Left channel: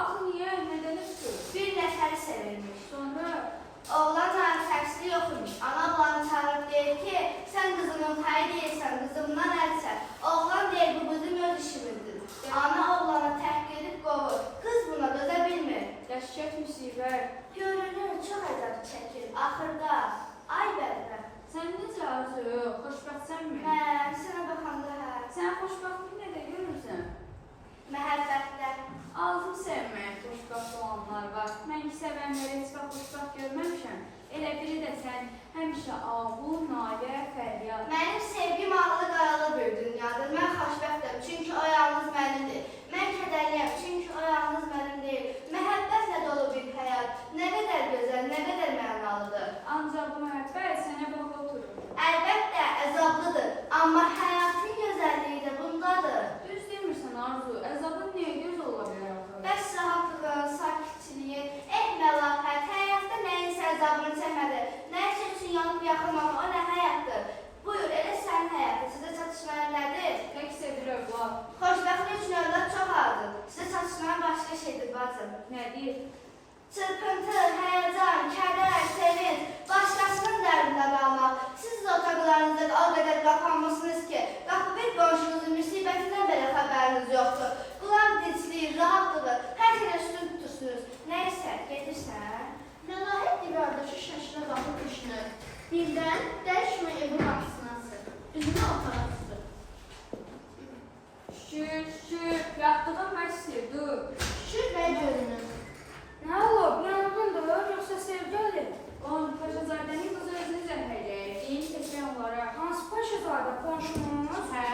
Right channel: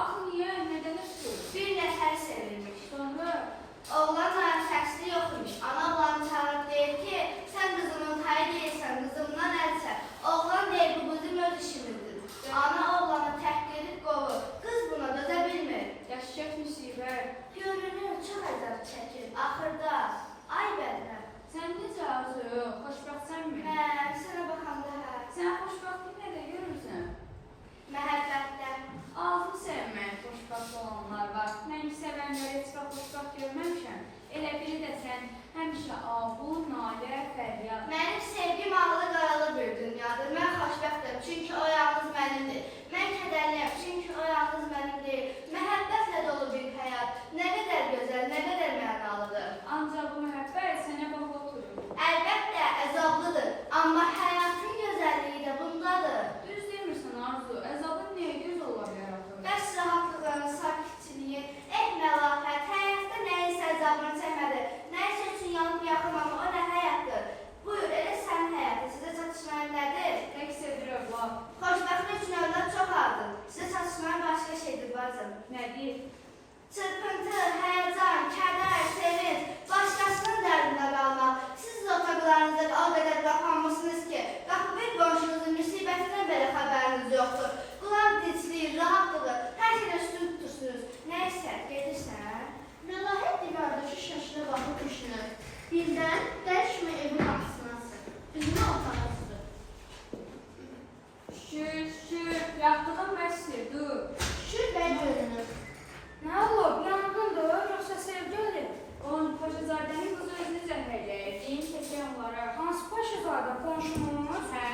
Axı niyə? Nədən ötürü? Bir nəfəri sevirmiş. Sonra Oğlan təqsiri yox imiş. Ana oğlanı çağırıb deyir ki, sən qızımın tayı deyilsən, qızımdan əlsən. Oğlan deyir, bu qızım öz işimizdir. Ana oğlanı təhqir edib qovur. Qız buna dözə bilmir. dəhşət müsibət. Görünür, çox əzab çəkir. Axırda, ay bəlkə. Sən necə Arzu? Xoşbəxtsənmi? Sənə baxanda hə. Sən xoşbəxtlik nədə görürsən? Məhəbbətdə. Azım sevmək, xoşbəxt olanlar var. Mən sevənləri heç vaxt xoşbəxt görməmişəm. Elə biri də sən həmişə ağul, nalə, fəryad. Mənim sevgim ağlı qaralı bir dünyadır. Mən xoşbəxtəm, çünki o yalnız mənimdir. Mən kədərliyəm, çünki o yalnız mənim deyil. Məhəbbətlə dolu bir həyat. Nə qədər gözəl, nə qədər mənalıdır. Ancaq bu məhəbbət sənə bax oturur. Əlbəttə, əzablıdır. Amma həyatın gözəlliyi də bundadır. Düz demirsən Arzu, əzabın niyə göz ola bilər axı? Bəs rahatlığın, sakitçiliyin, məlahət, həyatda nəyinsə əzabını çəkmədi. Nəyisə üçün yanıb yaxılmam, o nə həyatdır? Buyur, elə sənin həyatı, sizə çatışmayan nədir? Tək sevir övlad. Xoşbəxtlik üçün övlad çox azdır. Sizə çatışmayan başqa şeydir, bacım. Nədir? Çırpıntı, həyəcan, kədər, sevinç, başqasının dərdində qalmaq. Siz otaqlarınızda o qədər qapanmışsınız ki, qapı bir qonşunuzun müsibətindən belə xəbəriniz yoxdur. Qulaq dicliyir, rahatlıdır, hər şeylə üstün tutursunuz. Nəysə, gedirsən? Məlahət divardakı şaşına baxıb düşünür. Birdən dərşmə evin qapısına asır. Üzünü otağa tutdu. Şükür, yatdığın bəsdir, dur. Şükür bəy görünür. Nə olub, yanğındır, yoxsa sevgili? Onun Paşazadənin qızı özünü zəhərləyir, deyin seçən onlara. Hansı Paşazadə, qonşumuz? Hə,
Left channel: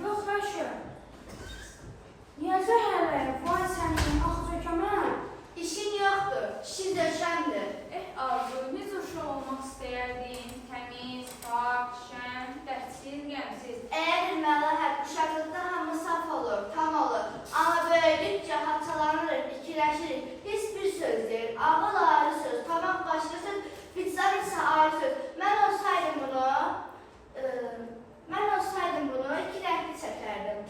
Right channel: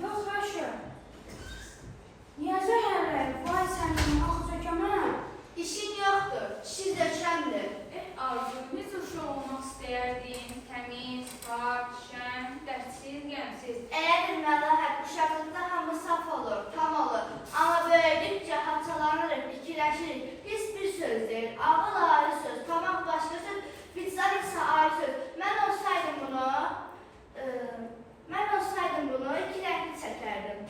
Yox, xaşı. Niyə zəhərləyir? Vay sənin, axı zökəmən. İşin yoxdur, işin döşəmdir. Arzu, necə uşaq olmaq istəyərdin? Təmiz, pak, şən, dərdsiz, qəmsiz. Elədir Məlahət, uşaqlıqda hamı saf olur, tam olur. Amma böyüdükcə haçalanırıq, ikiləşirik. Pis bir söz deyil, ağıl ayrı söz, tamaq başqa söz, vicdan isə ayrı söz. Mən olsaydım bunu iki rəngli çəkərdim.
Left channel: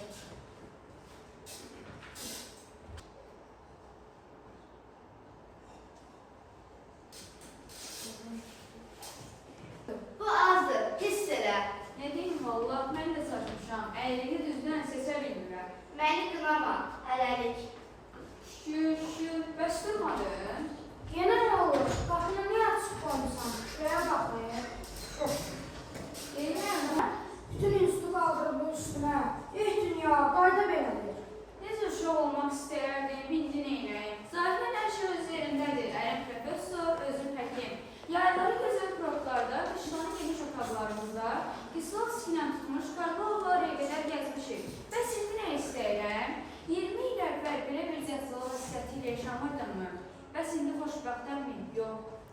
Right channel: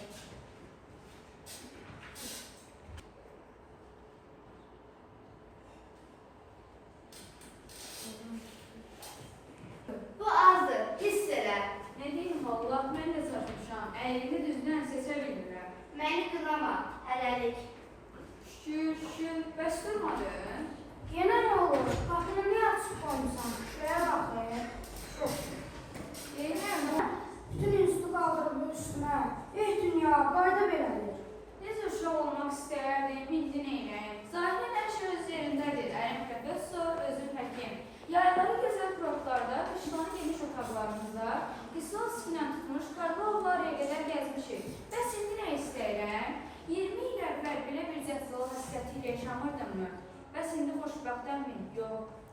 Bu azdır, hiss elə. Nə deyim, vallah, mən də çatmışam. Əylini düzdən seçə bilmirəm. Məni qınama, hələlik. Şükür, bəs durmadın? Yenə nə olur? Qapını niyə açıq qoymusan? Şuraya baxmayın. Deyirəm, Bütün üstü qaldırıb bu üstünə. Dünya, qayda belədir. necə uşaq olmaq istəyərdin, bildin eynəyin. Zahirən hər şey öz yerindədir. Ələm professor, özü həkim. Yayları gözəl kurortlarda, qışlanı geniş otaqlarımızda, Kislovskilə tutmuş Karlovlarıya qədər gəzmişik. Bəs indi nə istəyirəm? 20 il əvvəl belə bir zəfzalı xəstəti ilə yaşamırdın mı? Bəs indi xoşbəxtəmmi? Yox.